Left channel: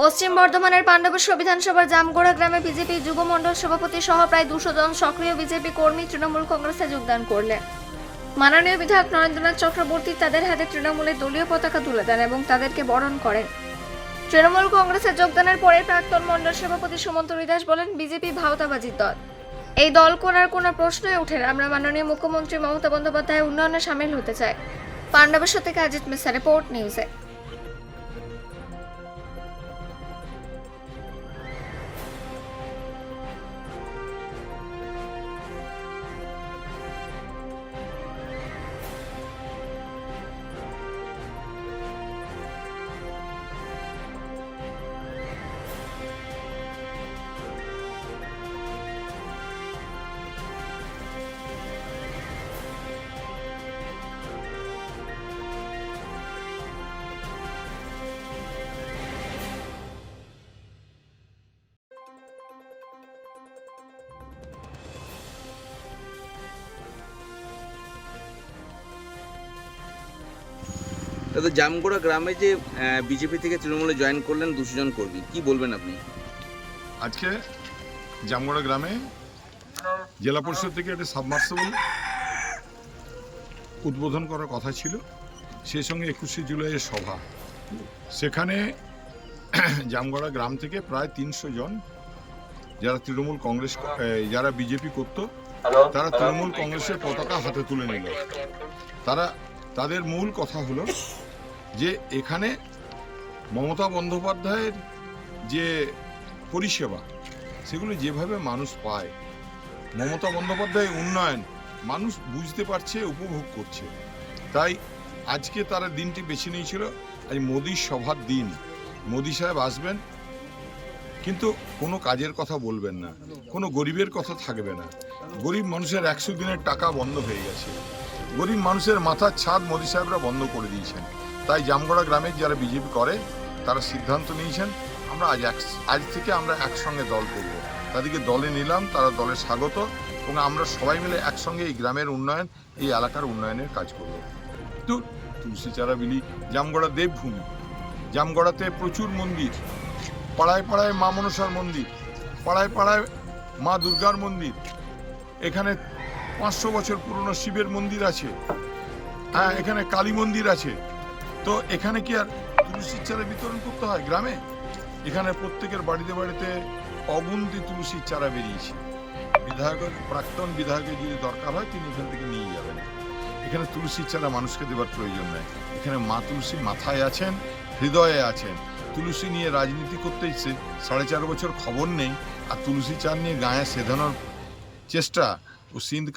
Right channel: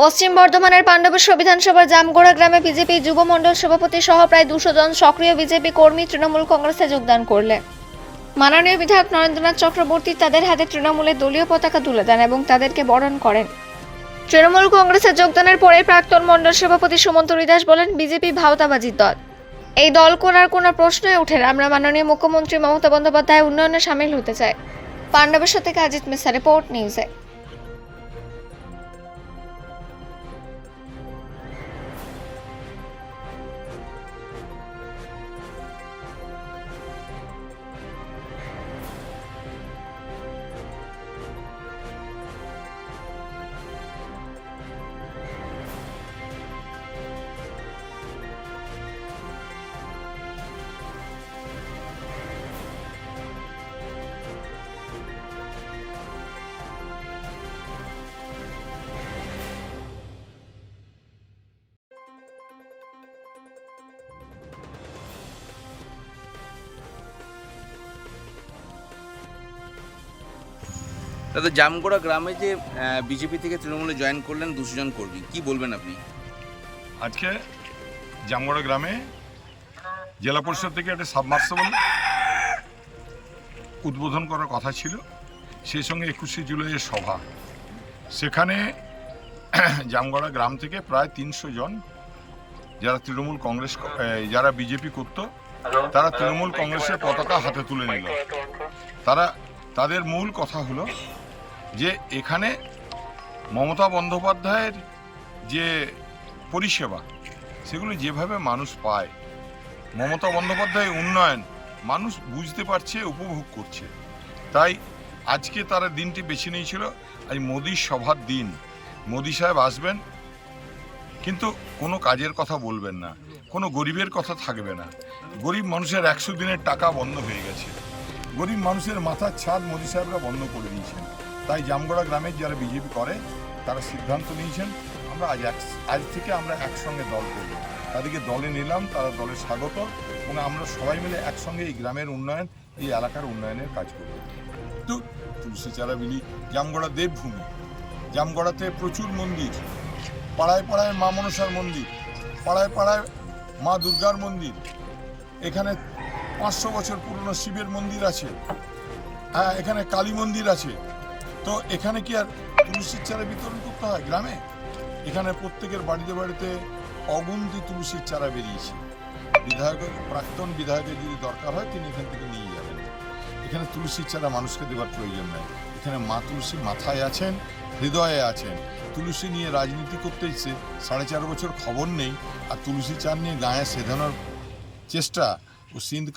পশ্চিম বর্ধমানের পাণ্ডবেশ্বর বিধানসভার জামগোড়া গ্রামে বিজেপি যুব সভাপতি সহ প্রায় দুশো জন সক্রিয় বিজেপি কর্মী তৃণমূল কংগ্রেসে যোগদান করলেন মাননীয় বিধায়ক নরেন্দ্রনাথ চক্রবর্তী তাদের হাতে তৃণমূলের দলীয় পতাকা তুলে দেন এবং তাদেরকে বরণ করেন। তৃণমূল কংগ্রেসে যোগদানের পরে প্রাক্তন মণ্ডল সভাপতি সুমন্ত দাস বলেন, বিজেপি ভাওতাবাজির দল। এই দল করার কোনো প্রশ্নই ওঠে না। আমরা মাননীয় মুখ্যমন্ত্রী মমতা বন্দ্যোপাধ্যায় উন্নয়নে সামিল হতে চাই। পাণ্ডবেশ্বর থেকে অজিত মিশ্রা, রিপোর্ট নিউজে। দাদা, জামগোড়া গ্রামে যে বিজেপি থেকে তৃণমূলে জয়েন করলেন দুশো জন কর্মী, কি বলবেন আপনি? আজকে জামগড়া গ্রামে জেলা পরিষদ থেকে একটা সাবমার্সেবল উদ্বোধন করার কথা ছিল, সেই সঙ্গে একুশে জুলাইয়ের সভা। সেখানে জামগড়া গ্রাম থেকে প্রায় তিনশো জন যারা তৃণমূল কংগ্রেস যারা বিজেপি করত, তারা তৃণমূল কংগ্রেসের পতাকা হাতে তুলে নিল। তারা তাদের মূল কথা হলো যে এখানে মমতা বন্দ্যোপাধ্যায়ের যে পরিষেবা, সেগুলো যেভাবে মানুষ পায়, মমতা বন্দ্যোপাধ্যায় উন্নয়ন মানুষ বুঝতে পারছে, উপভোগ করছে। তাই আজকে তারা দিনটি বেছে নিয়েছিল, আজ মোদির সভার দিন। মোদি সাহেব আসবেন, কিন্তু কোনো কাজের কথা বলবেন না, কোনো গরিবের কথা থাকবে না। গরিব মানুষের একশো দিনের টাকা বন্ধ হয়ে গেছে। গরিব মানুষের মাথার ছাদ মোদি সাহেবরা বন্ধ করে দিয়েছেন। তাই জামগড়া গ্রামের যারা বিজেপি করে, তারা সিদ্ধান্ত নিয়েছেন, আমরা আজ এক, আজ থেকে আমরা একসঙ্গে দল করব। তাদেরকে দলে নিলাম, তারা দলে স্বাগত, এবং আমরা সবাই মিলে একসঙ্গে এই গ্রামের উন্নয়ন, এই এলাকার উন্নয়নের কাজ করব। তো তুলসী চারা বিলি, জামগড়া দেবভূমি, জামগড়াতে প্রচুর মন্দির, পাড়ায় পাড়ায় মা মনসার মন্দির, পাড়ায় পাড়ায় মা দুর্গার মন্দির, এখানে পাঁচশো বছর পুরনো শিবের মন্দির আছে। হ্যাঁ এখানে কালী মন্দির আছে। তো এখানে কি আর তুলসীর চারা বিতরণ করতে হয় গ্রামে? এখানে প্রত্যেকের বাড়িতে বাড়িতে অগুন্তি তুলসীর চারা বেরিয়েছে। বিধায়কের, প্রাক্তন বিধায়কের যদি দরকার হয়, তিনি এখান থেকে নিয়ে যাবেন। এখানে তুলসীর চারা মানুষকে দেওয়ার প্রয়োজন নেই। এখানে মা তুলসী মাথায় আছেন, হৃদয়ে আছেন। তুলসী নিয়ে রাজনীতি করতে ইচ্ছে সাড়ে চার বছর খবর নেই। আর তুলসী চার নিয়ে গায়ে সেধানোর চেষ্টা ও সিন্ধ